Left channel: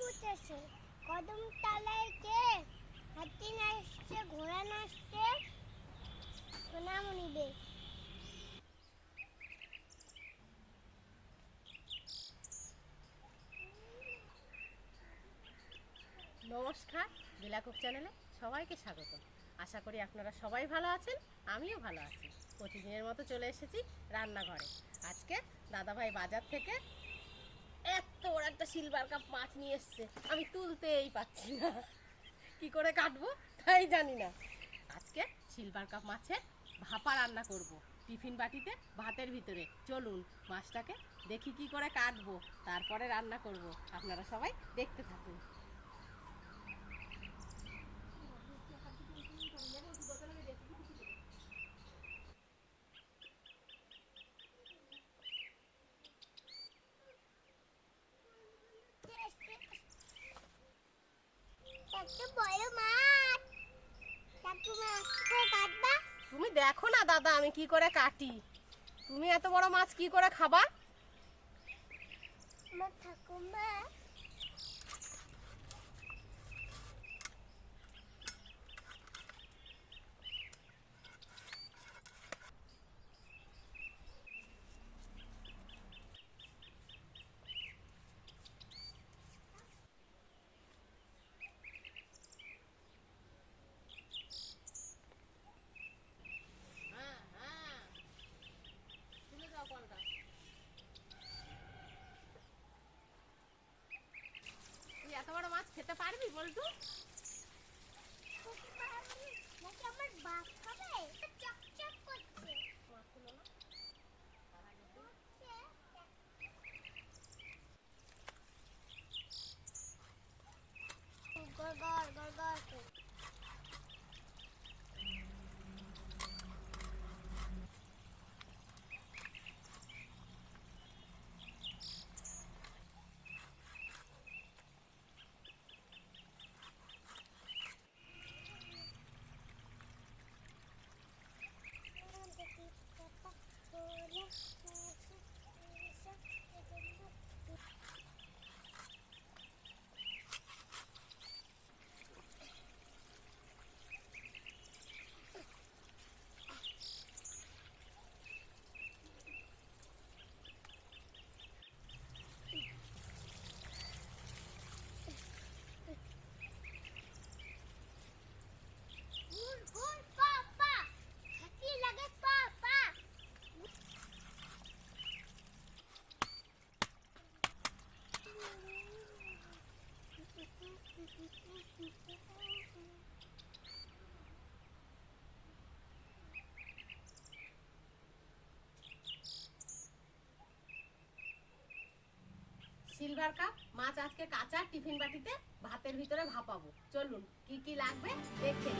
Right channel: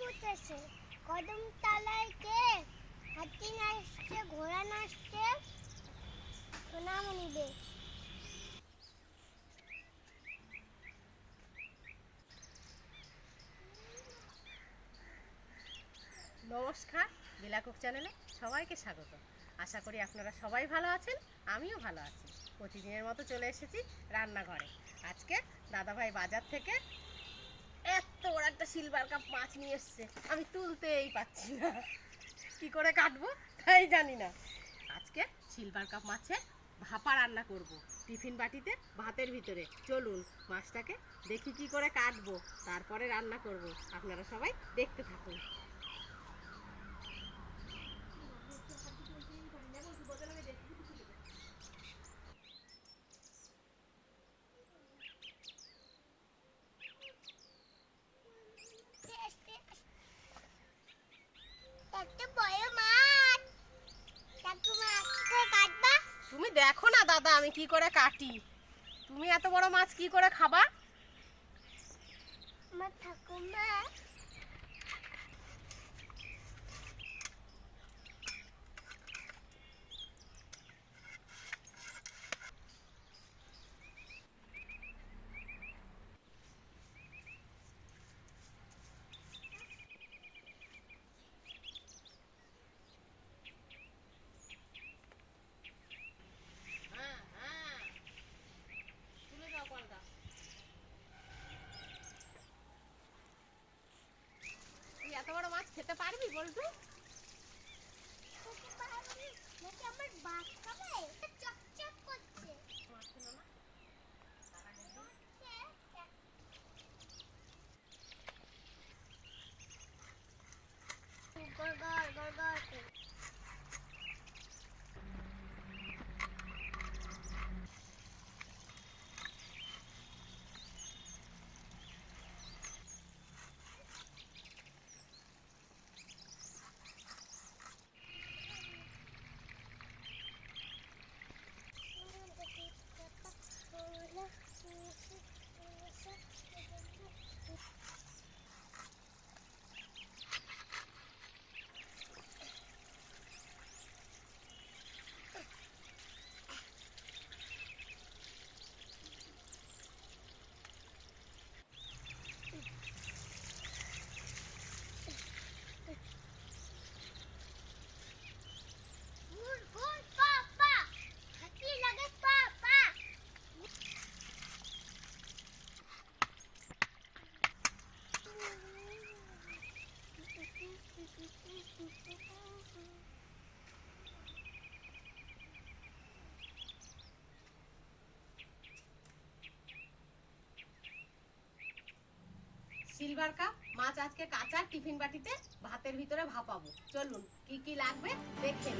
পুঁতেছে কদম তলায় কে? হাতি ঘোড়া সোনামণি দে নমস্কার, বিলাকুক চ্যানেলে সবাইকে স্বাগত। আশা করি আপনারা সবাই ভালো আছেন, আমিও ভালো আছি। প্রতিদিনের মতো চলে এসেছি রান্নাঘরে। আজকে দাদাভাই বাজার থেকে এত বড় একটা সিলভার কাপ মাছ নিয়ে এসছে। আমি তুলতেই পাচ্ছি না। কি করে কাটবো? তাই জানি না। আজকে সিলভার কাপ মাছে ভাপা রান্না করব। টিফিন বাটিতে, ভাতের ভিতরে। চলুন, মাছটাকে দেখি কি করে কাটবো। তারপরে রান্না করব। আপনারা সবাই দেখতে থাকুন একটা বড় মাছ ঠাকুমা আজকে কাটবা তুমি দেখো না দাদা আমি কি করে কাটি। তুমি এত বড় মাছ কি করে খাবা? আমার ঠাকুমা হ্যাঁ হ্যাঁ তুলে দাও কলটা তুই এত বড় মাছ খেতে পারবি বলতো? আমার বাস খাবে সিলভার কাপ, মাছ আজকে কাঁচা, টিফিন বাটিতে ভাতের ভিতরে ভাপাবো। চলুন, কি কি লাগবে দেখে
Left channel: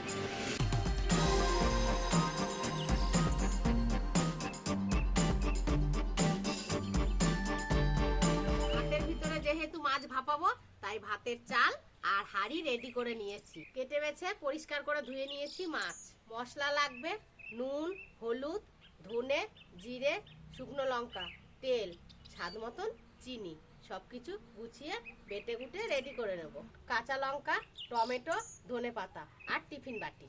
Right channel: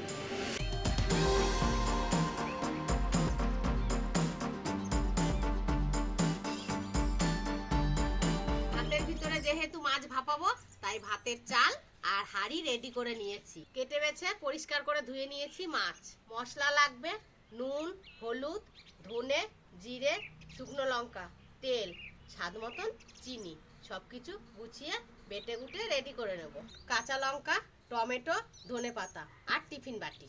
ভাতের ভিতরে যেহেতু মাছ ভাপাবো, তাই ভাতের চাল আর হাঁড়ি রেডি করে নিয়েছি। কেটে বেছে পরিষ্কার করে ধুয়ে নিয়েছি মাছ। মশলা লাগবে নুন, হলুদ, ধনে, জিরে, শুকনো লঙ্কা, তেল, স্বাদ মতন চিনি সব কিছু গুছিয়ে বেটে গুটে রেডি করে নেব। কাঁচা লঙ্কা, টমেটো ধনে পাতা আর টিফিন বাটি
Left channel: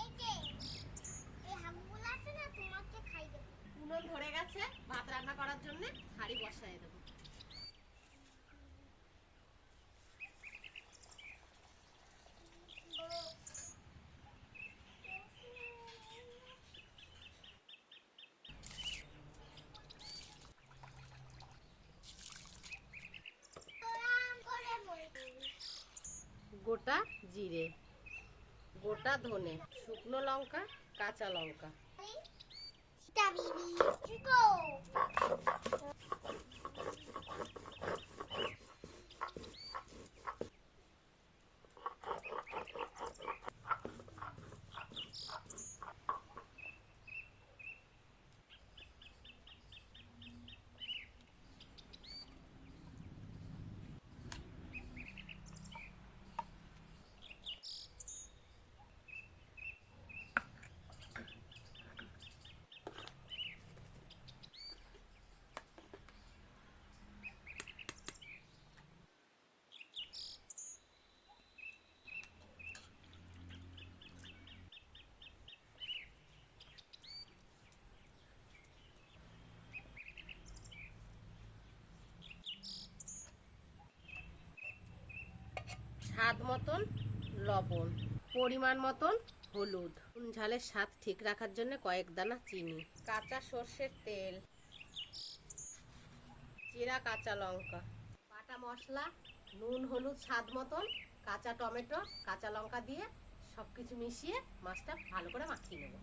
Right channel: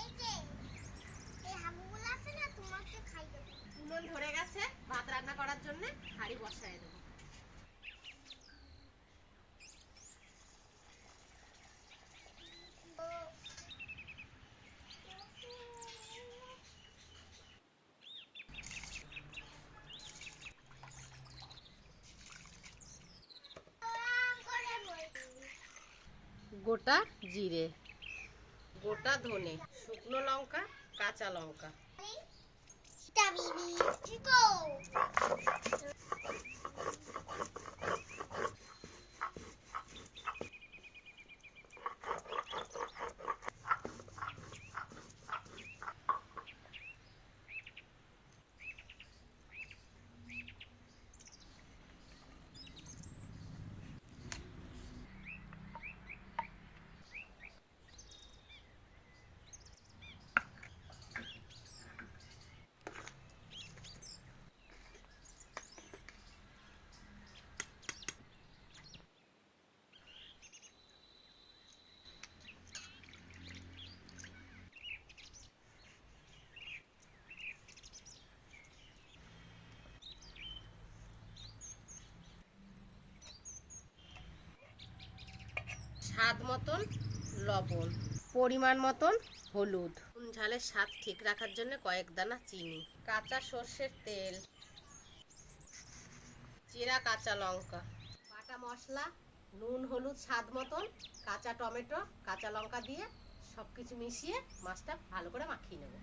এই যে এই হাগুগুলো আছে না তোমাকে খাই দেবো উনুন ধরে গেছে ভাত রান্না করার জন্য হাঁড়ি বসায় দেবো গোটা জিরে গোটা ধনে শুকনো লঙ্কা কাঁচা লঙ্কা। স্বাদ মতন লবণ, পরিমাণ মতন হলুদ। ঝালের স্বাদ ঠিক রাখার জন্য কয়েক দানা চিনি, কাঁচা সর্ষের তেল, জিরা কাঁচা লঙ্কা, বাটা মশলা, নুন হলুদ স্বাদ মতন, কাঁচা টমেটো, কাঁচা লঙ্কা দিয়ে সব কিছু মিশিয়ে মাছটা ভালো করে মাখিয়ে নেব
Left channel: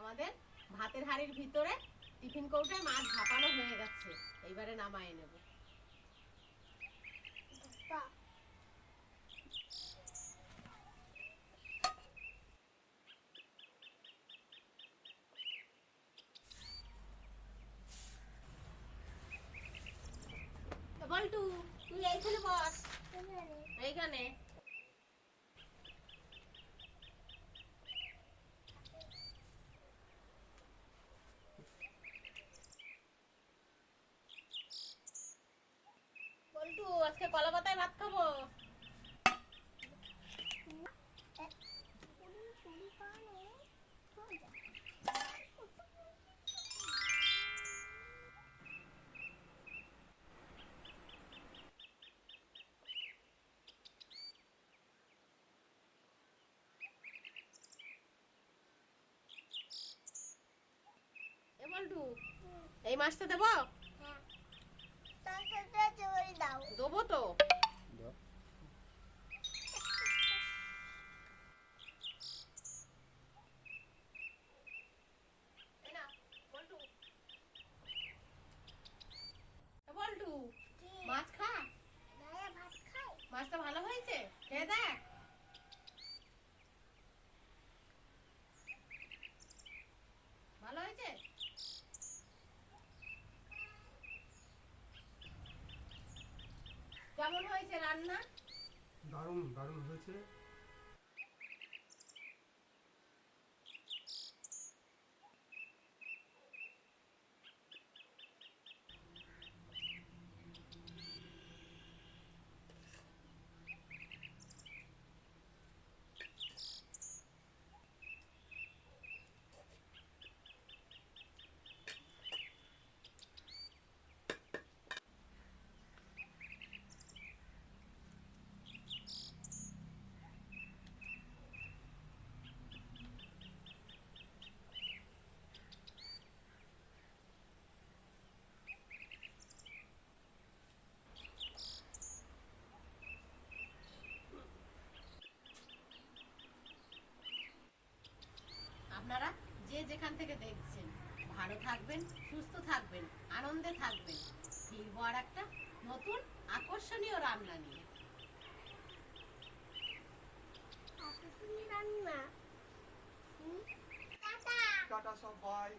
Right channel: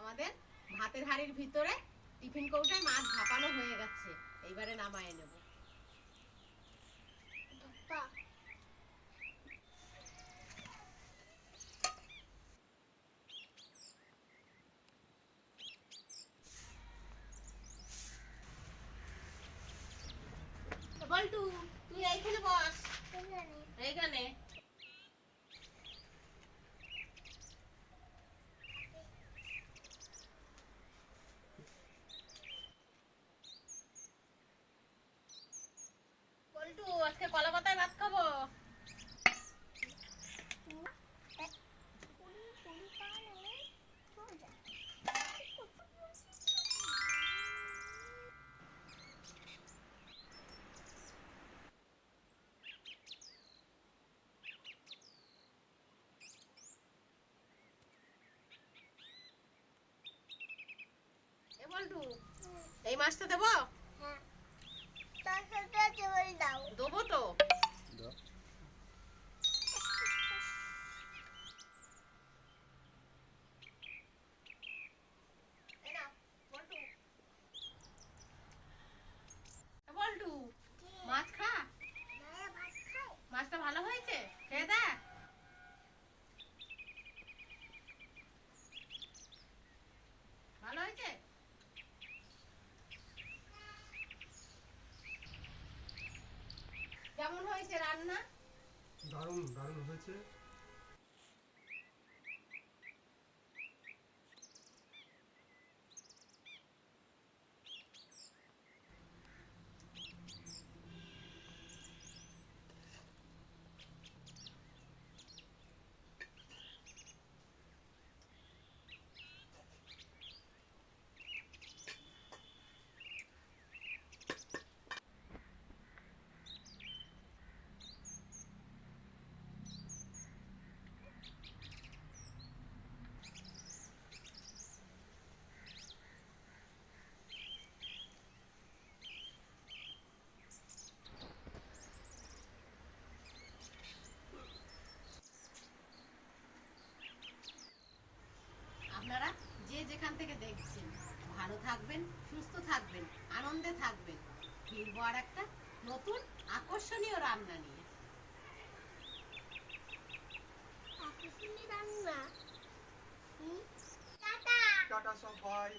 আমাদের ভাতের হাঁড়ির ভিতরে টিফিন কৌটায় মাছ ভাপানো হয়ে গেছে। এইবারে নামায় নেব। বল্টু তুই এইখানে বস। এখানে। এইখানে বল্টু আজকে কলা পাতায় ভাত খাব এ বল্টু এই মাছটা দেবো? হ্যাঁ। দেবো তো এই নাও, বল্টু। এ বল্টু মাছ খা দাদা ভাত খাও মাছটা ভালো হয়েছে খেয়ে দেখ ভালো হয়েছে কেমন হয়েছে রান্না? দারুণ দারুণ হয়েছে আপনারা যে যেখান থেকে দেখছেন ভালো থাকবেন সুস্থ থাকবেন আনন্দে থাকবেন। ফিরবো আর একটা নতুন আকর্ষণীয় রান্না নিয়ে? টাটা! টাটা সবাই।